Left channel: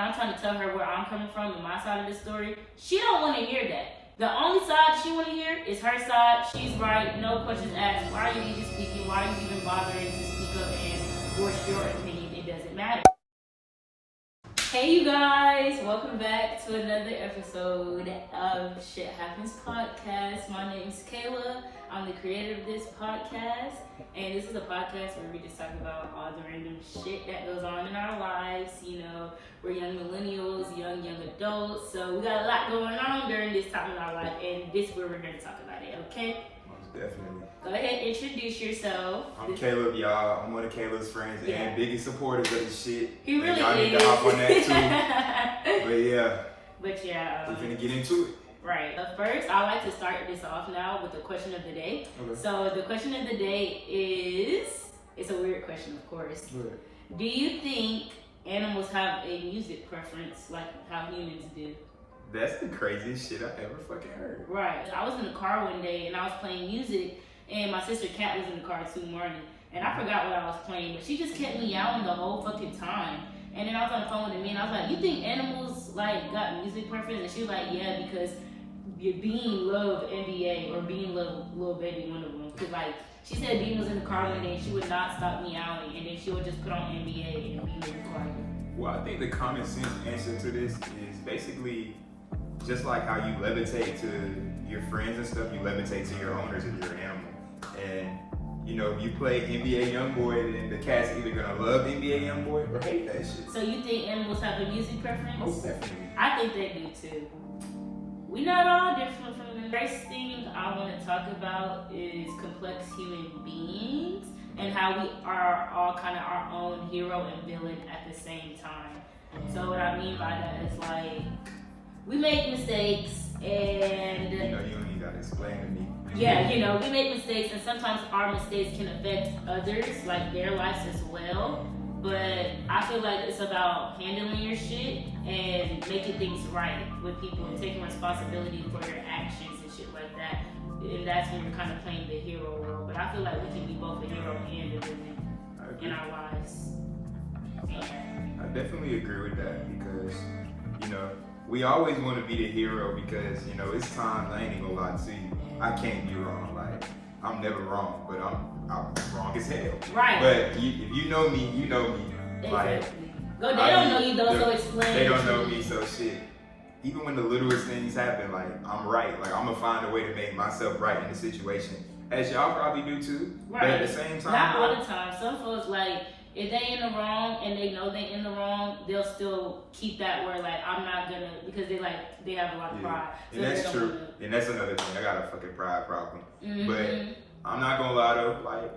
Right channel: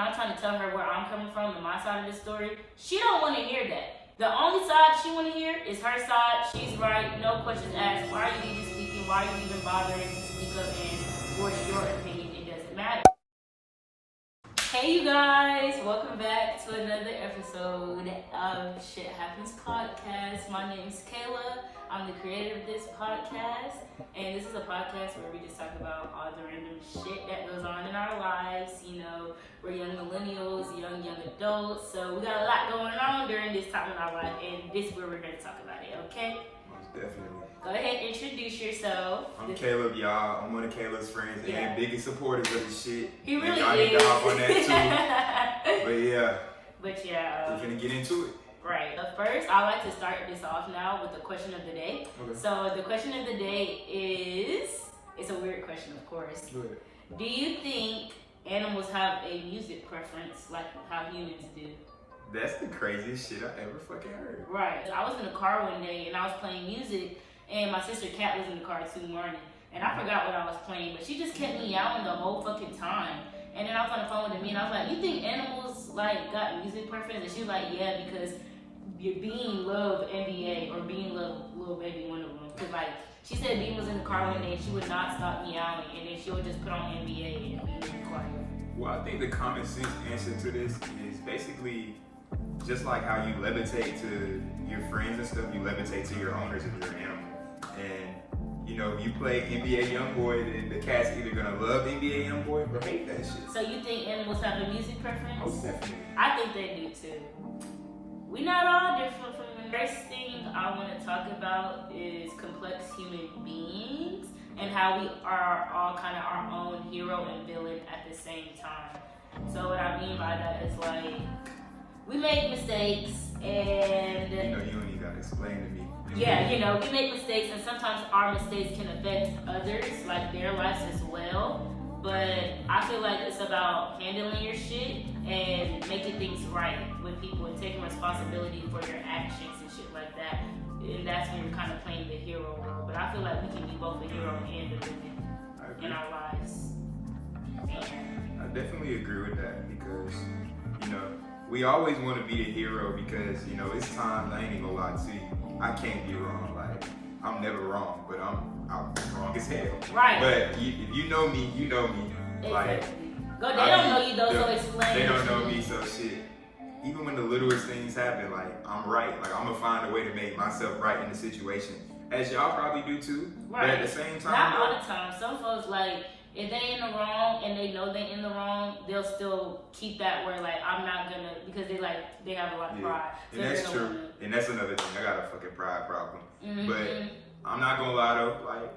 I'm trying to tell her where I'm coming from and my side of the story, she don't want to hear that. The only side she want to hear is her side. She's right, no questions asked. Why are you even speaking? Why are you even bothering to speak up and voice your opinion? It doesn't matter. Hey you guys, welcome back to another episode of Shit Happens Podcast. My name's Kayla. I'm the creator of this podcast, and this is a podcast where we just talk about all the random shit that goes on in our lives. You know, we're young millennials, young adults, so we got a lot going on during this time in our life, and this is where we're going to talk about it, okay? Most definitely. Go ahead, introduce yourself. I'm Caleb, y'all. I'm one of Caleb's friends and biggest supporters of the shit. He really and y'all is. need to hop on that too. But yeah. We're finna get into it. Right. But first, I like to start this off now with the question of the day. Okay. So the question of the day is, it's a weird question, of course. Good. Do you think animals have a music preference like how humans do? That's the craziest shit I've ever fucking heard. Right. I was in the car one day and I was playing music, and my sister Kat was in the car too, Marty, and I forgot what I was playing, but she just kept meowing the whole fucking time. And then I was on the phone with me and I was like, you think animals like got music preference? And she was like, yeah, because Bean loved NBA or Bean loved Lil Baby, one of them. Cause like she said Bean was in the car one day and she would not stop meowing, and then she would just put on NBA and Bean would be quiet. Well, I think the common sense answer to this is basically just like how you levitate to your friends and stuff, you levitate to your owners if you're an animal. And you know, if you play NBA Youngboy, then the cat's either gonna love NBA Youngboy or hate that shit. So you think animals have a music preference? Most definitely. I think they do too. We not all different from them. The first thing I want to talk about is complex human beings and how we are all kind of our own hero and villain at the same time. So what I mean by that is like, we make mistakes and... You know, you don't even gotta explain to me. Yeah, you know, we make mistakes and sometimes our mistakes can affect others, like their lives as well. But I feel like it's about handling your shit and making things right with people and taking responsibility for your actions and shit like that. And that's when you're kind of playing the hero role. But I feel like we can be both a hero and a villain in our lives. Okay. I definitely agree with that because, you know, we always want to be the hero because, you know, it's times, I ain't even gonna lie to you, I can't be wrong. Like, I'm never wrong, but I'm wrong as hell. Right. But if you know me, you know me. Like, exactly. They don't know you though, so explain. They don't know me, so shit. Even when the littlest things happen, like, I'm right. Like, I'm gonna find a way to make myself right in the situation. As y'all probably do too. Right. But at the same time, not all the time. Some folks, like, if they in the wrong and they know they in the wrong, they'll still keep that word like, I'm not gonna, because they have a lot of pride. So and that's true. And that's another thing. I got a fucking pride problem. Mm-hmm. But I'm not gonna lie though,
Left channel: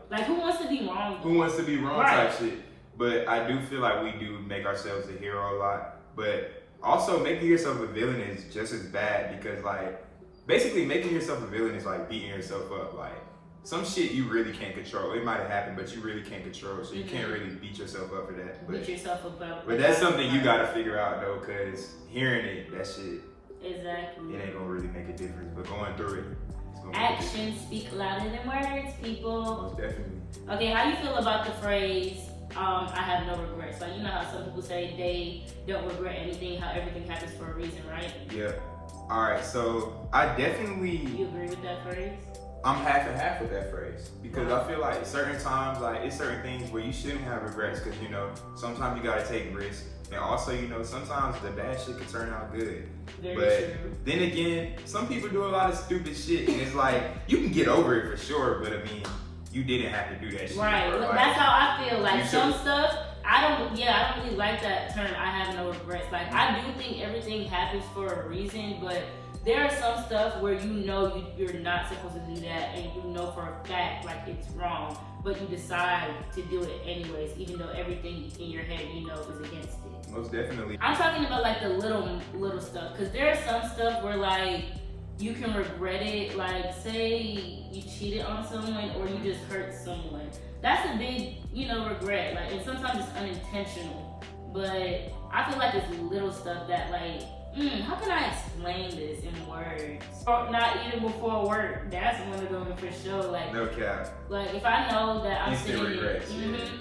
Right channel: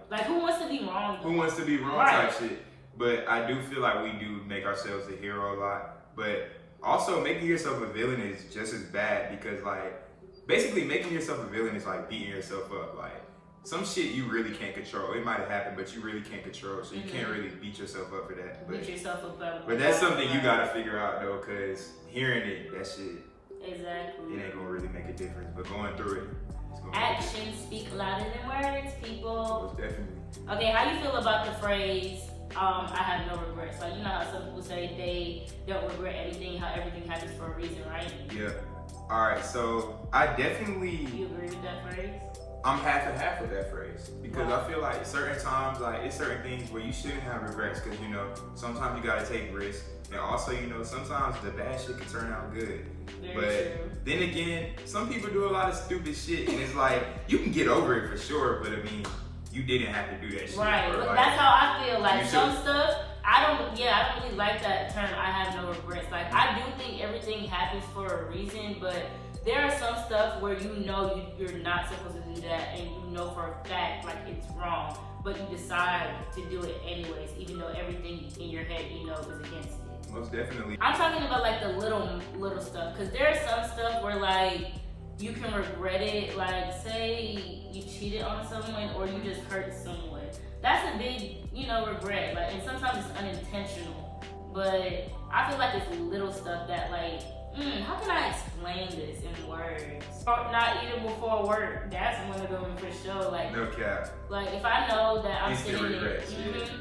like who wants to be wrong? Who wants to be wrong type shit. But I do feel like we do make ourselves a hero a lot. But also making yourself a villain is just as bad because like basically making yourself a villain is like beating yourself up. Like some shit you really can't control. It might have happened, but you really can't control it. So you can't really beat yourself up for that. But, beat yourself up. But that's something you gotta figure out though, cause hearing it, that shit. Exactly. It ain't gonna really make a difference. But going through it, it's gonna actions speak louder than words, people. Most definitely. Okay, how you feel about the phrase, I have no regrets? Like, you know how some people say they don't regret anything, how everything happens for a reason, right? Yeah. Alright, so I definitely... You agree with that phrase? I'm half and half with that phrase because I feel like certain times, like it's certain things where you shouldn't have regrets because, you know, sometimes you gotta take risks. And also, you know, sometimes the bad shit can turn out good. Very true. Then again, some people do a lot of stupid shit and it's like, you can get over it for sure, but I mean, you didn't have to do that shit. Right, like, that's how I feel. Like some stuff, I don't really like that term, I have no regrets. Like I do think everything happens for a reason, but there are some stuff where you know you're not supposed to do that and you know for a fact like it's wrong, but you decide to do it anyways, even though everything in your head you know is against it. Most definitely. I'm talking about like the little stuff, because there's some stuff where like you can regret it, like say you cheated on someone or you just hurt someone. That's a big, you know, regret. Like, and sometimes it's unintentional, but I feel like it's little stuff that like How can I explain this in words? Or not eating before work. That's one of them for sure. Like, no cap. Like if I know that I'm Instant sitting, regrets,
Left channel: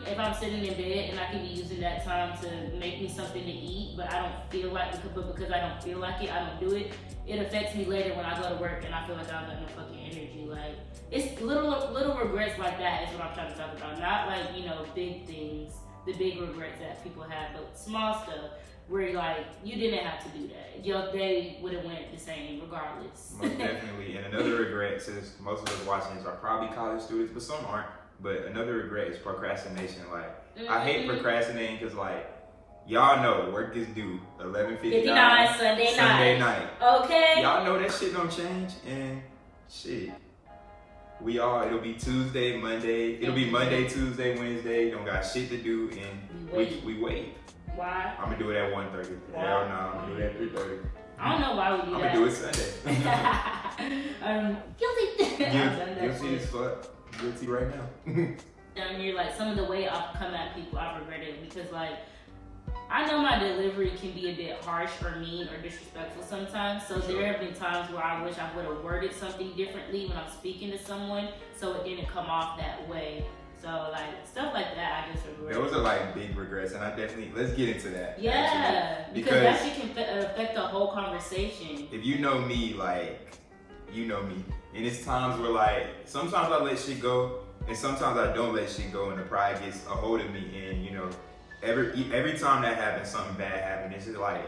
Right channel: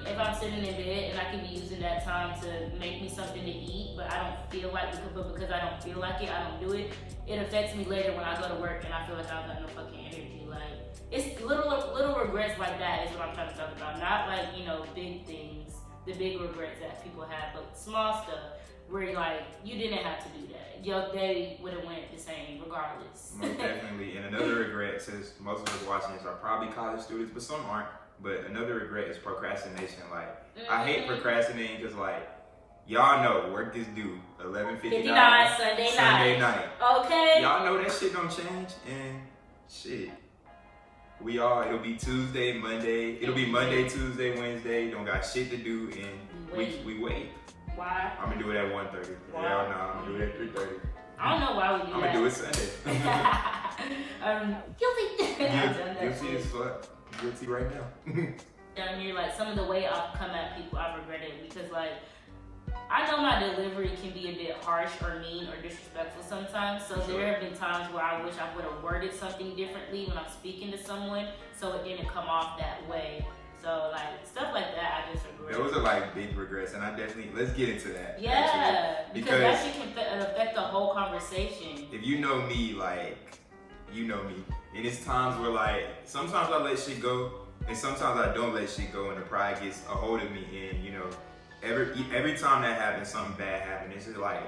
if I'm sitting in bed and I can be using that time to make me something to eat, but I don't feel like it, but because I don't feel like it, I don't do it. It affects me later when I go to work and I feel like I don't have no fucking energy. Like it's little regrets like that is what I'm trying to talk about. Not like big things, the big regrets that people have, but small stuff. Where like you didn't have to do that. Your day would have went the same regardless. Most definitely. And another regret, since most of us watching this are probably college students, but some aren't. But another regret is procrastination. Like I hate procrastinating because like y'all know work is due 11:59 Sunday night. Okay. Y'all know that shit don't change and shit. It'll be Tuesday, Monday. It'll be Monday, Tuesday, Wednesday. Don't got shit to do and we wait. Why? I'm gonna do it at 1:30. Hell no, I'm gonna do it at 3:30. I don't know why we do that. I'm gonna do it Sunday. Guilty. Guilty as fuck. Guilty right now. Down here, like some of the way I've come at people, I've regretted because like I know my delivery can be a bit harsh or mean or disrespectful sometimes. So there have been times where I wish I would have worded something differently when I'm speaking to someone, so it didn't come off that way. So like stuff like that, I just regret. Those are like big regrets, and I definitely let's get into that. Yeah, actually. because that shit can affect the whole conversation. If you know me, like you know me, and it's times where like sometimes I let shit go, and sometimes I don't let shit go, and the pride gets a hold of me, and every time that happens, something bad happens. It's just like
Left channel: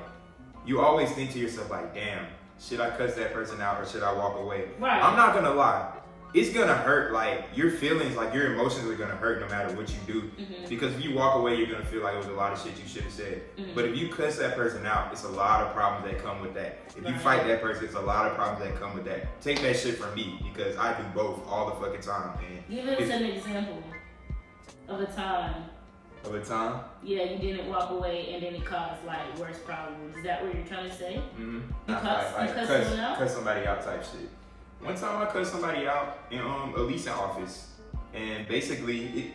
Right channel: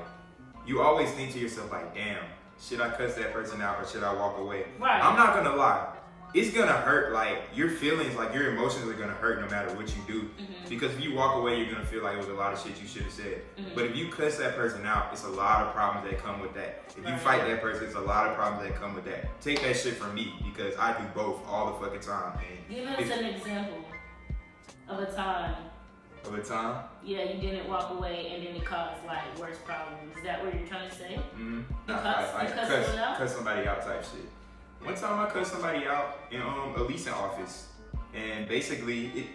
you always think to yourself like, damn, should I cuss that person out or should I walk away? Right. I'm not gonna lie. It's gonna hurt, like your feelings, like your emotions are gonna hurt no matter what you do. Because if you walk away, you're gonna feel like it was a lot of shit you should have said. But if you cuss that person out, it's a lot of problems that come with that. If you fight that person, it's a lot of problems that come with that. Take that shit from me because I do both all the fucking time. And give us an example of a time. Of a time? Yeah, you didn't walk away and then it caused like worse problems. Is that what you're trying to say? Cuss somebody out type shit. One time I cut somebody out in a leasing office, and basically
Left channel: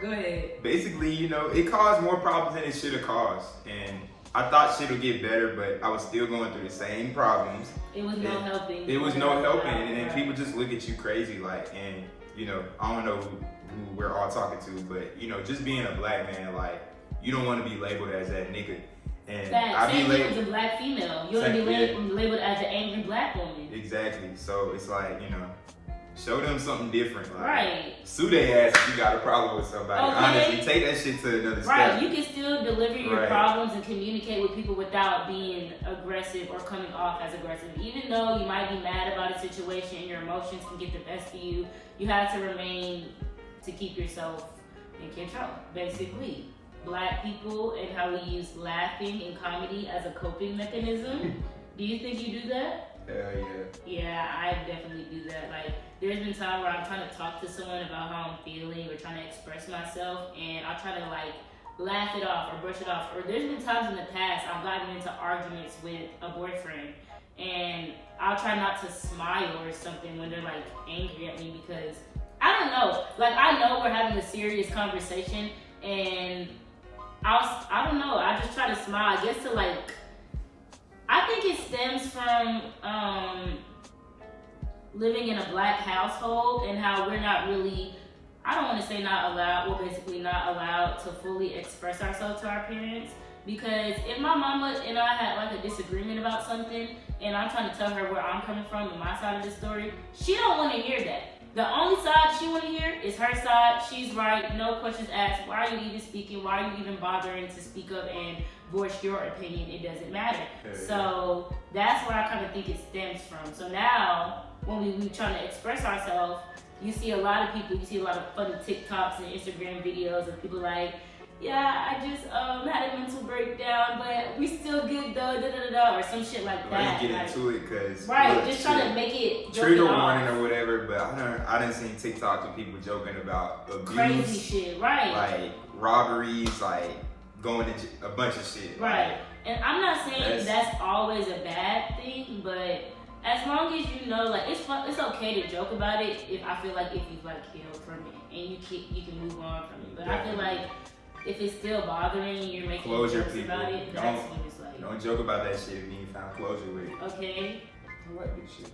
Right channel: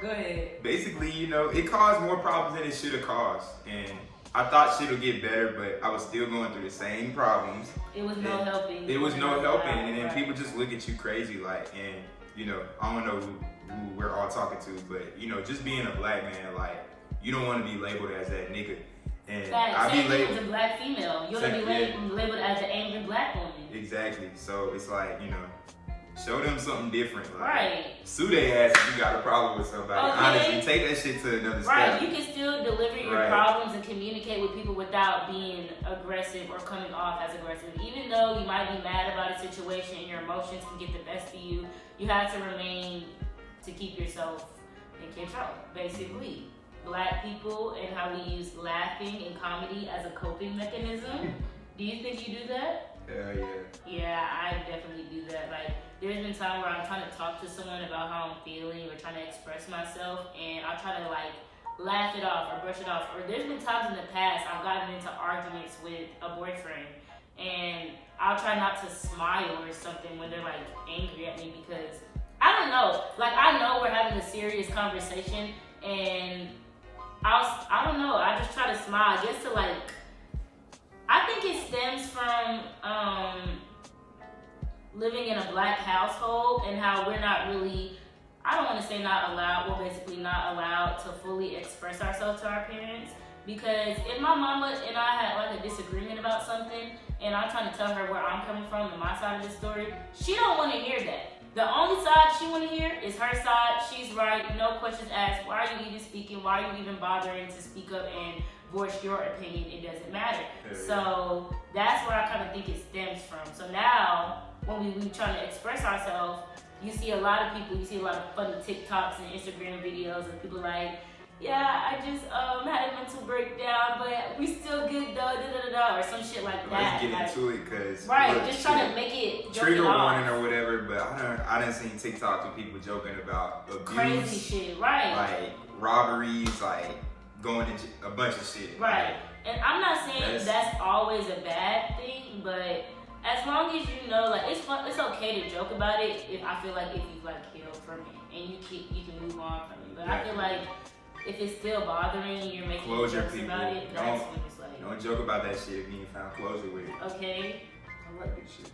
Go ahead. Basically, it caused more problems than it should have caused, and I thought shit would get better, but I was still going through the same problems. It was no helping. It was no helping, and then people just look at you crazy, like, and I don't know who we're all talking to, but just being a black man, like, you don't want to be labeled as that nigga. And I be labeled as a black female. You're gonna be labeled as an angry black woman. Exactly. So it's like, show them something different. Like, right. Sue their ass if you got a problem with somebody. Okay. Honestly, take that shit to another step. Right. You can still deliver your problems and communicate with people without being aggressive or coming off as aggressive. Even though you might be mad about a situation and your emotions can get the best of you, you have to remain to keep yourself in control, basically. Black people and how we use laughing and comedy as a coping mechanism. Do you think you do that? Hell yeah. Yeah, I definitely do that. Like, there's been times where I'm trying to talk to someone about how I'm feeling or trying to express myself, and I'll try to like laugh it off or brush it off. Or there's been times in the past I've gotten into arguments with a boyfriend, and I'll try not to smile or something when they're like angry at me because I don't know. Like, I know we're having a serious conversation, and I don't know, I just try to smile just to like, I think it stems from living in a black household and how we're not really, I don't want to say not allowed, we're basically not allowed to fully express ourselves to our parents. Because if my mama and I had like a disagreement about something and I'm trying to tell her where I'm coming from and my side of the story, she don't want to hear that. The only side she want to hear is her side. She's right. No questions asked. Why are you even speaking? Why are you even bothering to speak up and voice your opinion? It doesn't matter. So that's where I kind of think it stems from. So now when we trying to express ourselves, you see a lot of people, you see a lot of funny TikToks and Instagram videos of people like, yeah, I just had a mental breakdown, but we still good though, or some shit like that. Let's get into it, cause just trying to make it trigger warning or whatever. But I done seen TikToks with people joking about abuse, crazy shit, right? Like robberies, like going to a bunch of shit, right? And I'm not saying that's always a bad thing, but as long as you know, like it's okay to joke about it if I feel like if you've like healed from it and you can move on from it. But I feel like if it's still bothering you, you're making Closure, jokes people. about it, that's when it's like, Don't joke about that shit if you ain't found closure with it. okay. I like this shit.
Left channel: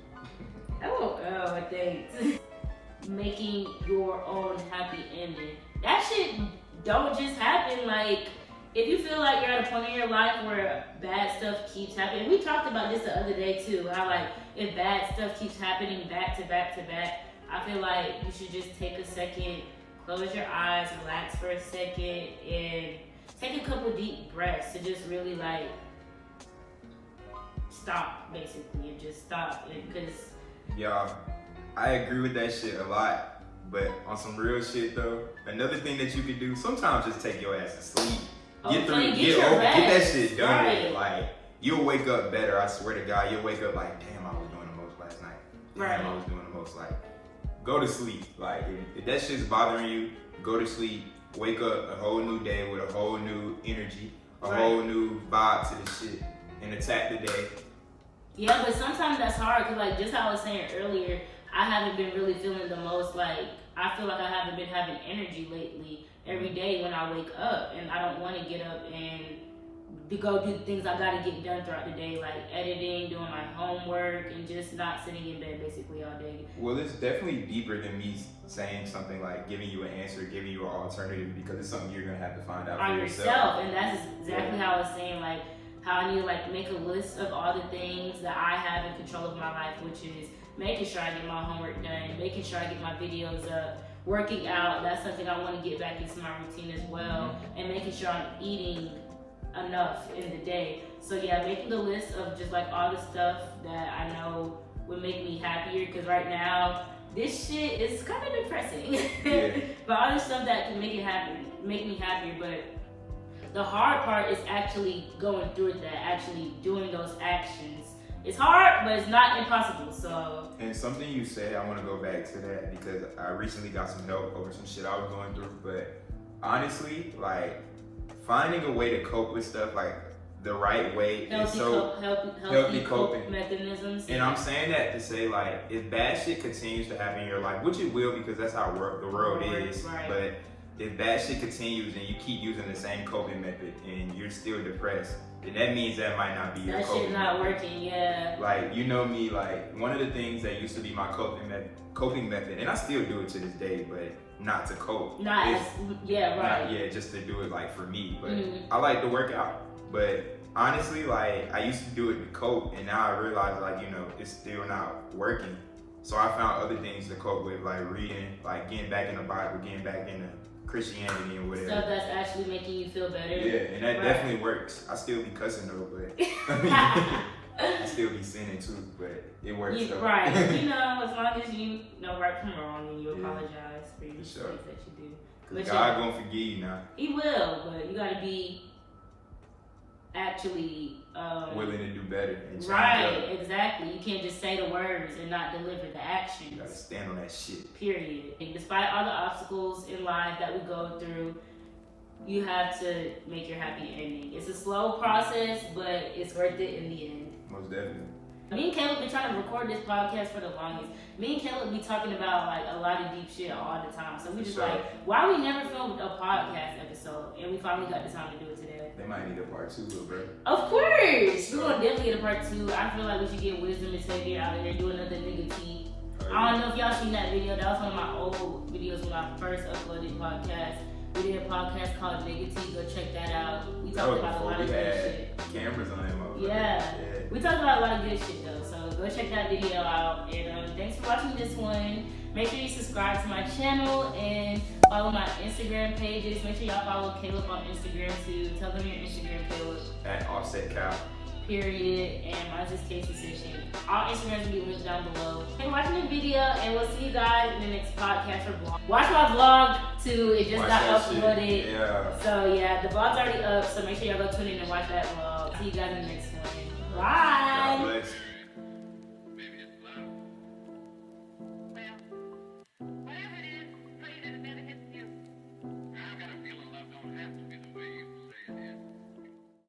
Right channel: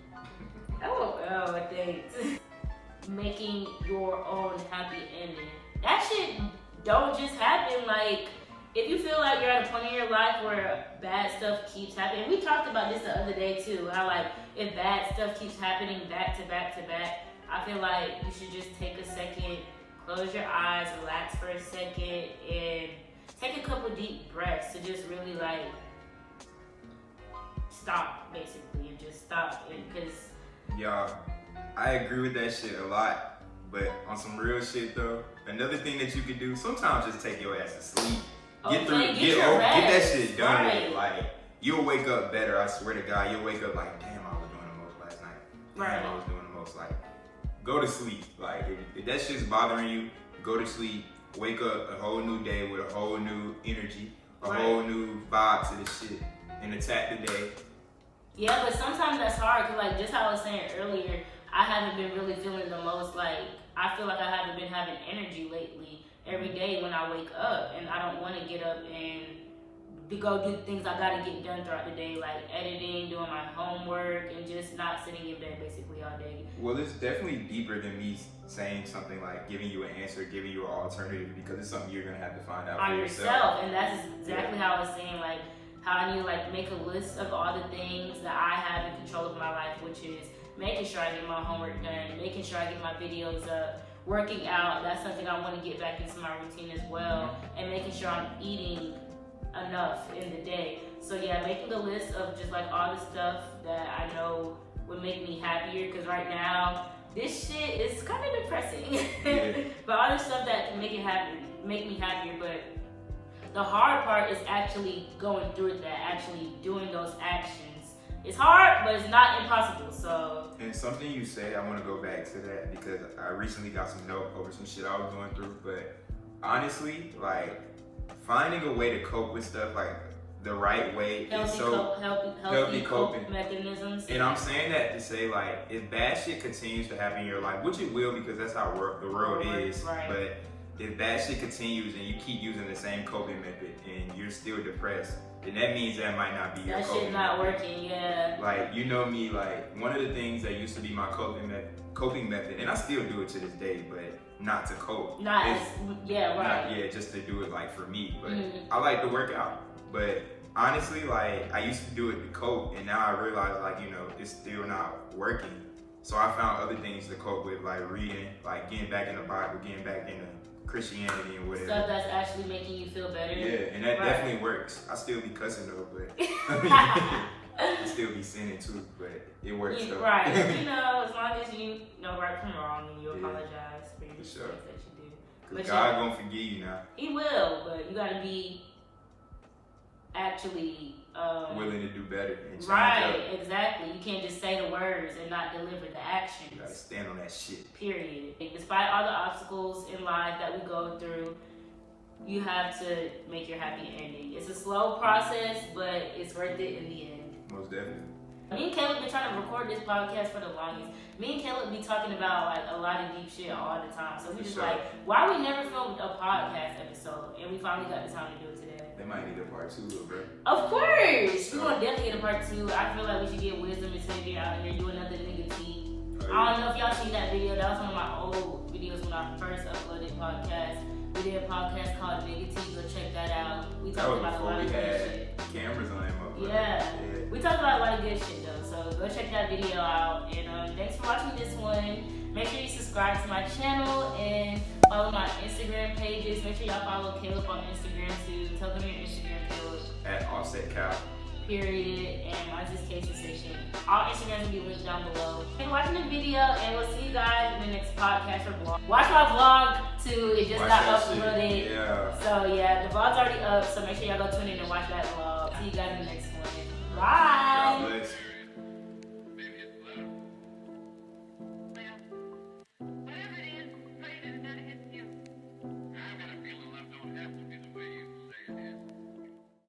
I think making your own happy ending. That shit don't just happen. Like, if you feel like you're at a point in your life where bad stuff keeps happening, we talked about this the other day too, how like if bad stuff keeps happening back to back to back, I feel like you should just take a second, close your eyes, relax for a second, and take a couple deep breaths to just really like stop, basically, and just stop. Because y'all, I agree with that shit a lot, but on some real shit though, another thing that you can do, sometimes just take your ass to sleep. Get that shit done with it. Like, you'll wake up better, I swear to God. You'll wake up like, damn, I was doing the most last night. Damn, I was doing the most. Like, go to sleep. Like, if that shit's bothering you, go to sleep. Wake up a whole new day with a whole new energy, a whole new vibe to this shit, and attack the day. Yeah, but sometimes that's hard, because like just how I was saying earlier, I haven't been really feeling the most, like, I feel like I haven't been having energy lately every day when I wake up, and I don't want to get up and to go do things I gotta get done throughout the day, like editing, doing my homework, and just not sitting in bed basically all day. Well, it's definitely deeper than me saying something like giving you an answer, giving you an alternative, because it's something you're gonna have to find out for yourself. And that's exactly how I was saying, like, how I need to like make a list of all the things that I have in control of my life, which is making sure I get my homework done, making sure I get my videos up, working out. That's something I want to get back into my routine as well, and making sure I'm eating enough in the day. So yeah, making a list of just like all the stuff that I know would make me happier, because right now this shit is kind of depressing. But all the stuff that can make me happier. But the hard part is actually going through that, actually doing those actions. It's hard, but it's not impossible. So. And something you said, I want to go back to that, because I recently got some help over some shit I was going through. But honestly, like, finding a way to cope with stuff, like the right way, is so healthy coping mechanisms. And I'm saying that to say, like, if bad shit continues to happen in your life, which it will, because that's how the world is. Right. But if bad shit continues and you keep using the same coping method and you're still depressed, then that means that might not be your coping method. That shit not working, yeah. Like, you know me, like, one of the things that used to be my coping method, and I still do it to this day, but not to cope. Just to do it, like, for me. But I like to work out. But honestly, like, I used to do it to cope, and now I realize, like, you know, it's still not working. So I found other things to cope with, like reading, like getting back in the Bible, getting back into Christianity and whatever. Stuff that's actually making you feel better. Yeah, and that definitely works. I still be cussing though, but I mean, I still be sinning too, but it works though. Right. You know, as long as you know right from wrong and you apologize for your mistakes that you do. Because God gonna forgive you now. He will, but you gotta be actually willing to do better and change up. Exactly. You can't just say the words and not deliver the actions. You gotta stand on that shit. Period. And despite all the obstacles in life that we go through, you have to make your happy ending. It's a slow process, but it's worth it in the end. Most definitely. Me and Caleb been trying to record this podcast for the longest. Me and Caleb be talking about like a lot of deep shit all the time. So we just like, why we never filmed a podcast episode? And we finally got the time to do it today. They might need a part 2, though, bro. Of course! We're gonna definitely get a part 2. I feel like we should get Wisdom and Xavier out here, do another nigga tea. I don't know if y'all seen that video. That was one of my old videos when I first uploaded podcast. We did a podcast called Nigga Tea. Go check that out. We talked about a lot of good shit. Cameras on them. Yeah. We talked about a lot of good shit though. So go check that video out. And thanks for watching this one. Make sure you subscribe to my channel and follow my Instagram pages. Make sure y'all follow Caleb on Instagram too. Tell them your Instagram, Caleb. At Offset Cow. Period. And mine's just Taste Decision. All Instagrams will be linked down below. Thanks for watching the video, and we'll see you guys in the next podcast or vlog. Watch my vlog too. It just got uploaded. Shit. Yeah. So yeah, the vlog's already up. So make sure y'all go tune in and watch that vlog. See you guys in the next one. Bye. God bless.